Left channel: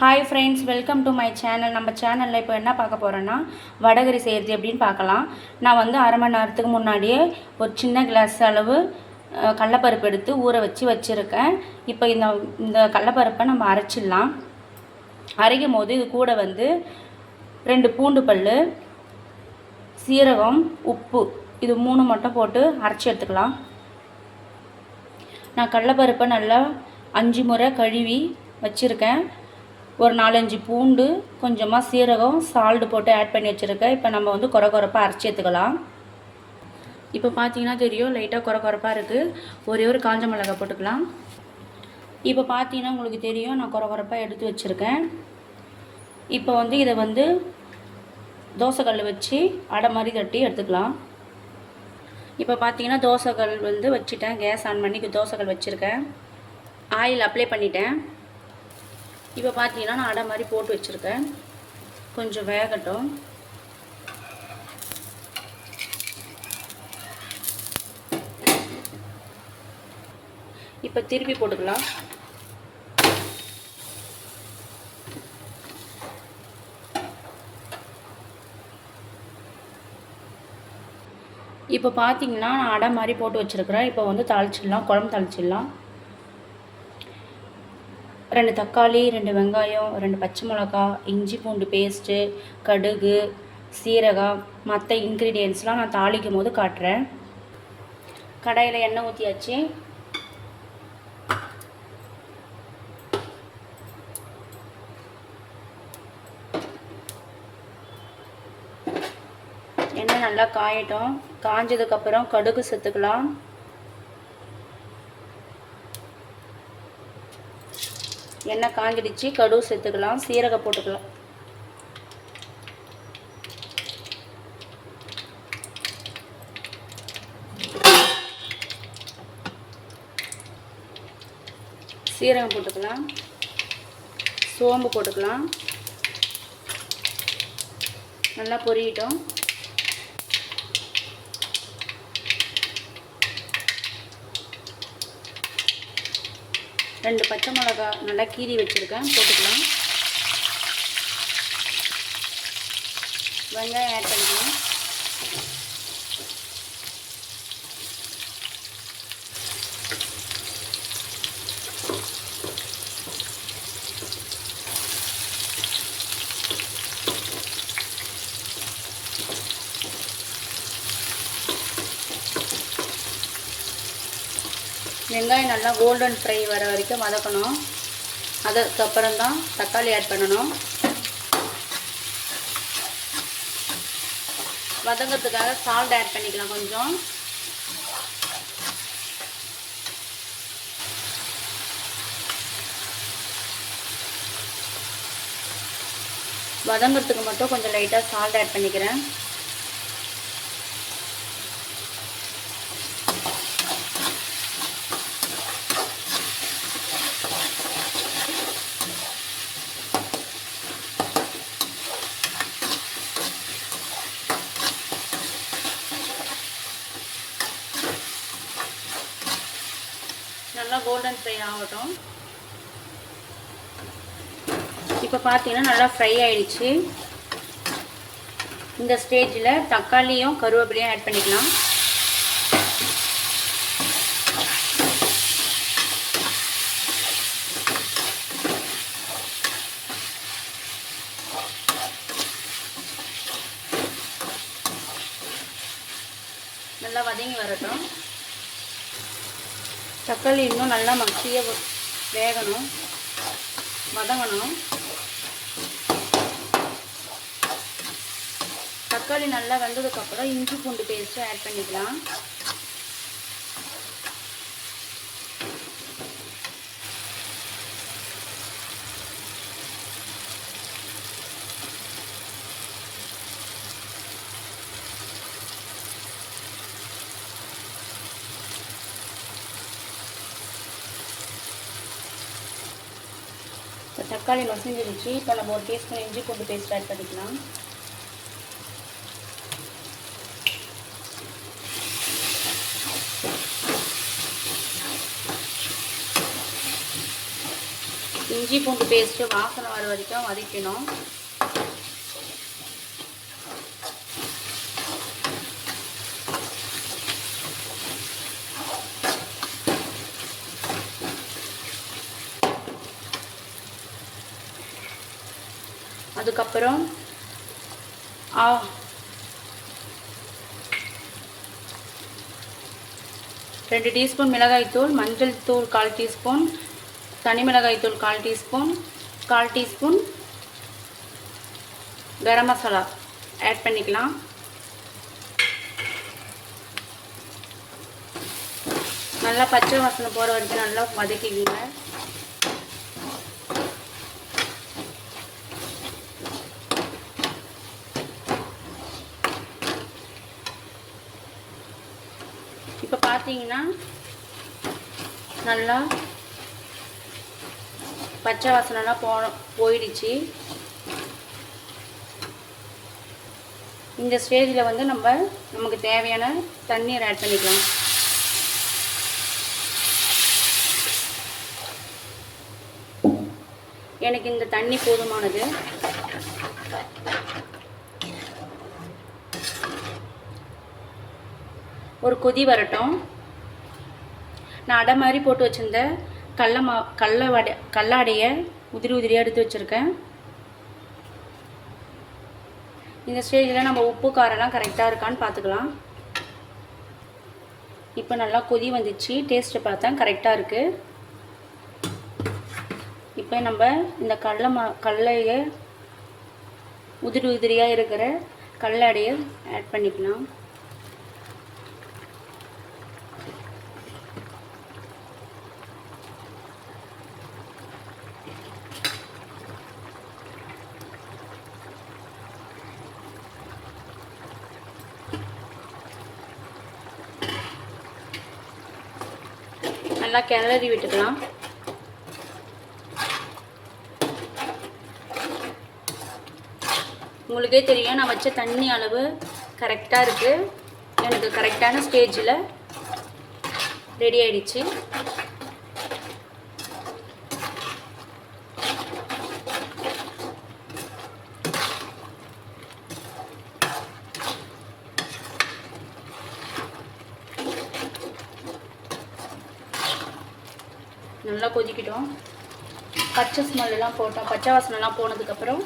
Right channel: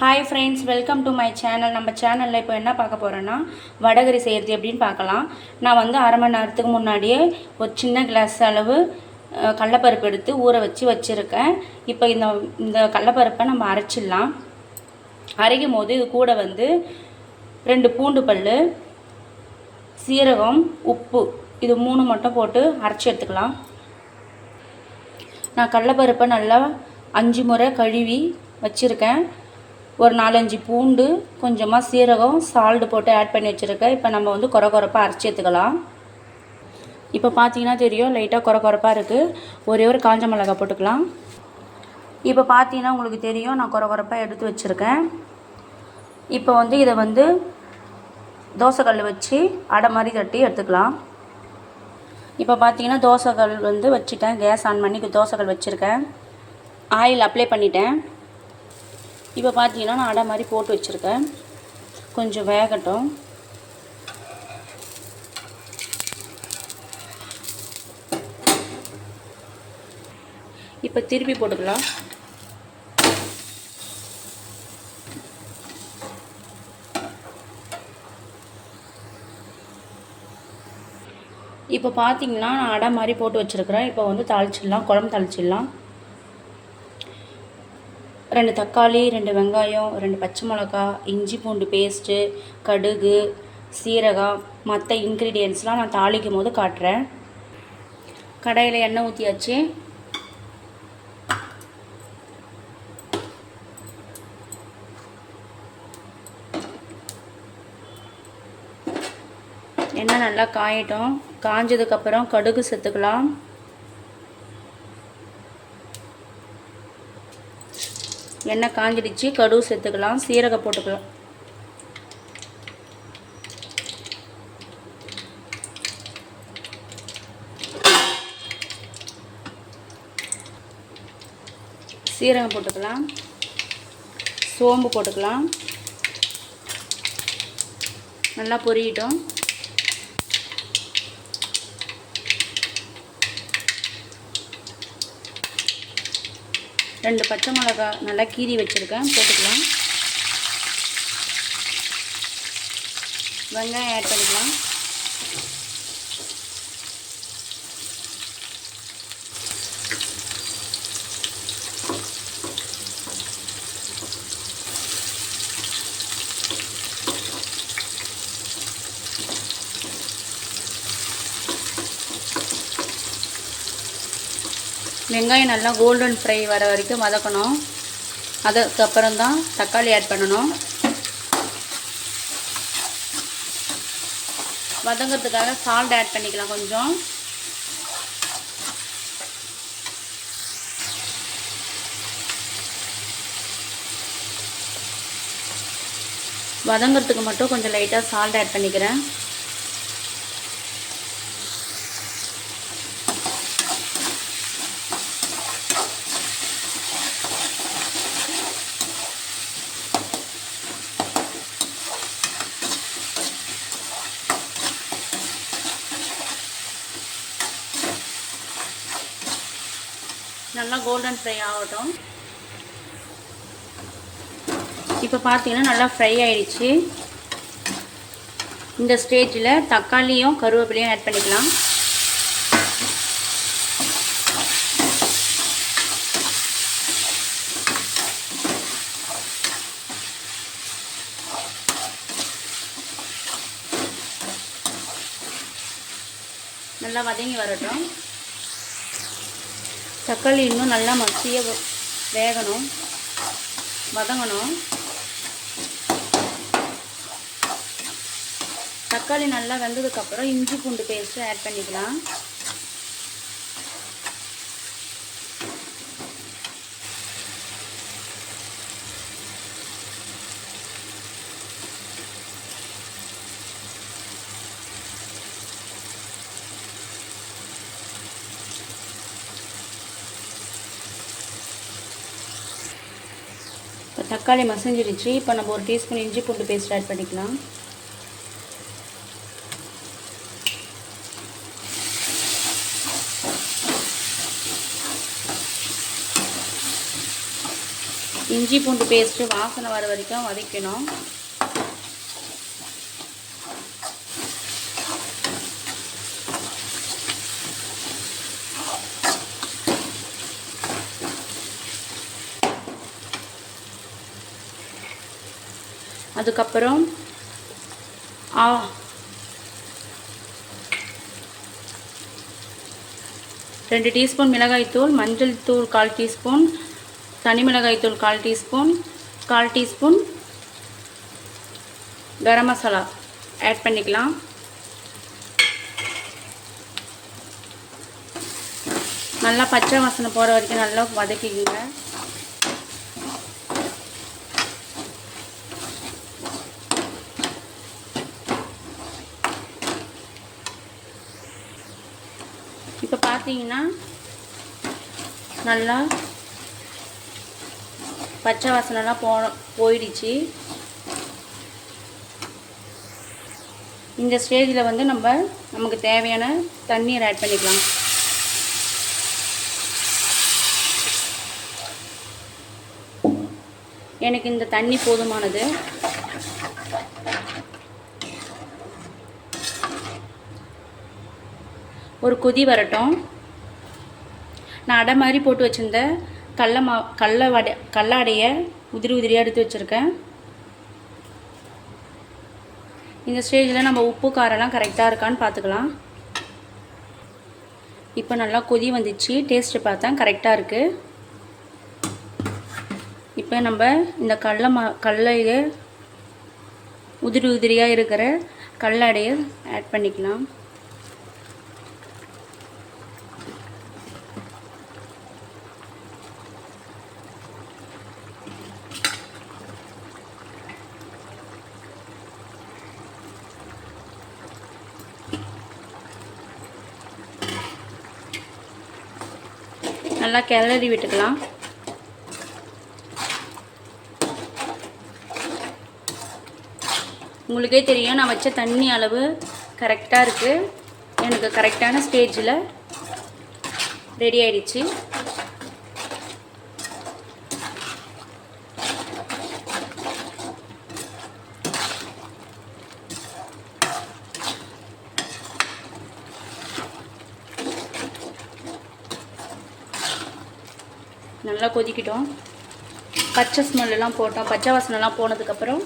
Hi friends, welcome to my channel. நம்ம சேனலில் இப்போ என்ன பார்க்க போகிறோன்னா வடகறி செய்கிறது எப்படின்னு பார்க்கலாம். நான் வந்து அரை மணி நேரத்துக்கு முன்னாடியே ஒரு சின்ன கிளாஸ் அளவு கடலப்பருப்பு எடுத்து ஊற வச்சுருக்கேன். இப்போ இந்த கடலப்பருப்பை நம்ம அரைச்சிடலாம். அரைக்கும் போது இது கூட வந்து 2 பூண்டு பல், சீரகம், உப்பு, இது 3 மட்டும் போட்டு அரைச்சி எடுத்துக்கலாம். நான் கடலப்பருப்பை நல்லா 5 முறை கழுவி வச்சுருக்கேன். ஒரு 4-5 பூண்டு, கொஞ்சமாக சீரகம், சால்ட்டு போட்டு ஆட் பண்ணி வச்சுருக்கேன். இப்போ நம்ம வந்து கொரப்பாக அரைச்சி எடுத்துக்கலாம். இப்போ பார்த்தீங்கன்னா தெரியும், லைட்டாக கொரப்பாக இருக்குது. ஒரே ஒரு காஞ்ச மிளகாய் போட்டுக்கலாம். இப்போ பார்த்தீங்கன்னா உங்களுக்கு தெரியும், நான் கொரப்பாக எடுத்து வச்சுருக்கேன். இப்போ வந்து இதை வந்து தோசைக்கல் வச்சு அடை மாதிரி தட்டி எடுத்துக்கலாம். இப்போ பார்த்தீங்கன்னா தோசைக்கல் வந்து வச்சுட்டேன். கேஸ் ஆன் பண்ணி தோசைக்கல் வச்சுருக்கேன். ஆயில் அப்ளை பண்ணிட்டேன். இப்போ பார்த்தீங்கன்னா நான் அடை மாதிரி போட்டு வச்சுருக்கேன். கொஞ்சம் வேகட்டும். இப்போ திருப்பி போட்டுக்கலாம். இப்போ பார்த்தீங்கன்னா நான் அடை மாதிரி போட்டு வச்சுருக்கிறேன். இப்போ வந்து தாளிச்சிடலாம், குழம்பு தாளிச்சிடலாம். 2 தக்காளி, 2 வெங்காயம், 2 பச்சை மிளகா, இஞ்சி பூண்டு பேஸ்ட்டு, கடுகு, சீரகம், மற்ற இன்க்ரீடியன்ட்ஸ்லாம் நான் தாளிக்கும் போது காட்டுறேன். கடாயில் எண்ணெய் ஊற்றியாச்சு. எண்ணெய் நல்லா காயட்டும். காஞ்சதுக்கப்புறம் கடுகு சேர்த்துக்கலாம். எண்ணெய் காஞ்சிடுச்சு, கடுகு சேர்த்துக்கலாம். சீரகம் போட்டுக்கலாம். சீரகம் போட்டுக்கலாம். சோம்பு போட்டுக்கலாம். நல்லா பொரியட்டும். ரெண்டு பச்சை மிளகாய் நல்லா கீறி வச்சுருக்கேன், போட்டுக்கலாம். வெங்காயம் ஆட் பண்ணிக்கலாம். வெங்காயம் நல்லா கோல்டன் ஃப்ரை வர வரைக்கும் வதக்கணும். அதுக்கப்புறம் தான் தக்காளி ஆட் பண்ணணும். வதங்கிறதுக்காக சால்ட் ஆட் பண்ணிக்கலாம் கொஞ்சம். வதங்கிறதுக்கு மட்டும் கொஞ்சம் லைட்டாக சால்ட் ஆட் பண்ணிக்கிறேன். நல்லா கோல்டன் ஃப்ரை ஆகட்டும். இப்போ பார்த்தீங்கன்னா நல்லா ஃப்ரை ஆகிடுச்சு. இந்த ஸ்டேஜில் தக்காளியும் கருவேப்பிலையும் ஆட் பண்ணிக்கலாம். நல்லா வதங்கி வரட்டும். தக்காளி இன்னும் நல்லா மசிய வேகணும், வதங்கணும். தக்காளி நல்லா வெந்ததுக்கப்புறம் இஞ்சி பூண்டு பேஸ்ட்டு ஆட் பண்ணிக்கலாம். இப்போ தக்காளி மசிஞ்சிடுச்சு. இப்போ நம்ம ஒரு டீஸ்பூன் இஞ்சி பூண்டு பேஸ்ட் ஆட் பண்ணிக்கலாம். இஞ்சி பூண்டு பேஸ்ட்டு வாசனை வர வரைக்கும் வதக்கணும். அதுக்கப்புறம் 2 டீஸ்பூன் மிளகாய்த்தூள், மஞ்சள் தூள் 1/4 டீஸ்பூன், தனி மிளகாய்த்தூள் 1/4 teaspoon, 1/4 teaspoon garam masala add பண்ணிக்கலாம். நல்லா பச்சை வாசனை போகிற வரைக்கும் நல்லா வதக்கிக்கோங்க. இப்போ பார்த்தீங்கன்னா நல்லா பச்சை வாசனைலாம் போயிடுச்சு. இந்த ஸ்டேஜில் வந்து நமக்கு தேவையான தண்ணீர் ஆட் பண்ணிக்கலாம். எனக்கு இந்த தண்ணி போதுமானது. ஒரு கொதி வரட்டும். நான் அடை மாதிரி போட்டு வச்சுருந்த கடல அடையை உதிரியாக எடுத்து வச்சுருக்கேன். இந்த ஸ்டேஜில் நம்ம உப்பு காரெல்லாம் கரெக்டாக இருக்கான்னு பார்த்துக்கலாம். இப்போ நல்லா கொதி வந்துச்சு. டேஸ்ட்டு பார்த்தா கரெக்டாக இருக்குது. இப்போ நம்ம இந்த கடலையில் உதிரியாக இருக்கிற கடல அடையை ஆட் பண்ணிக்கலாம். நல்லா கிளறி விட்டுக்கலாம். உங்களுக்கே தெரியும் நான் வச்ச தண்ணி அளவு கரெக்டாக இருக்குது. எனக்கு கரெக்டான ஸ்டேஜில் ரெடி ஆயிடுச்சு. நல்லா கொதிக்கிட்டோம். பச்சை ஸ்மெல்லாம் போட்டோம். பச்சை வாசனைலாம் போனதுக்கப்புறம்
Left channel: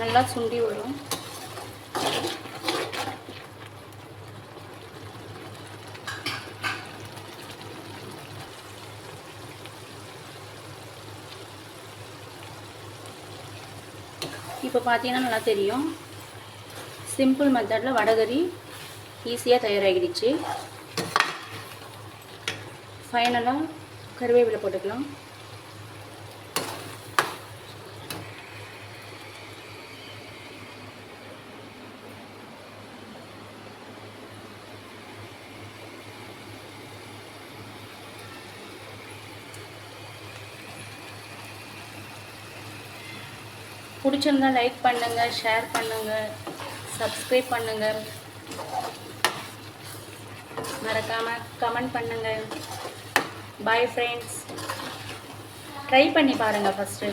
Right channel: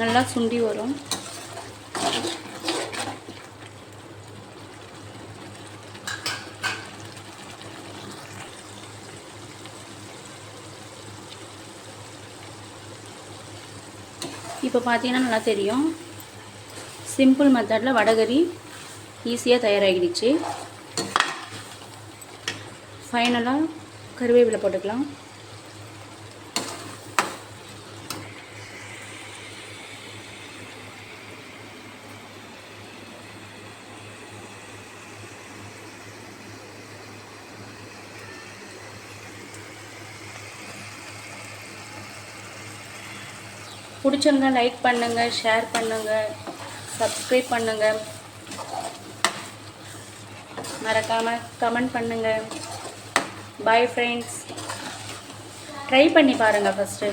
நல்லா சுண்டி வரும். இப்போ பார்த்தீங்கன்னா நல்லா தெரியும். சிம்பிள் மெத்தடில் வடகரி ஈஸியாக தயாராகிடுச்சு. ஃபைனலாக கருவேப்பிலை போட்டுக்கலாம். பிடிச்சிருந்தா லைக் பண்ணுங்கள், ஷேர் பண்ணுங்கள், சப்ஸ்கிரைப் பண்ணுங்கள், மறக்காமல் கமெண்ட் பண்ணுங்கள். Bye friends. ட்ரை பண்ணி பாருங்கள் ஃபஸ்ட்டு.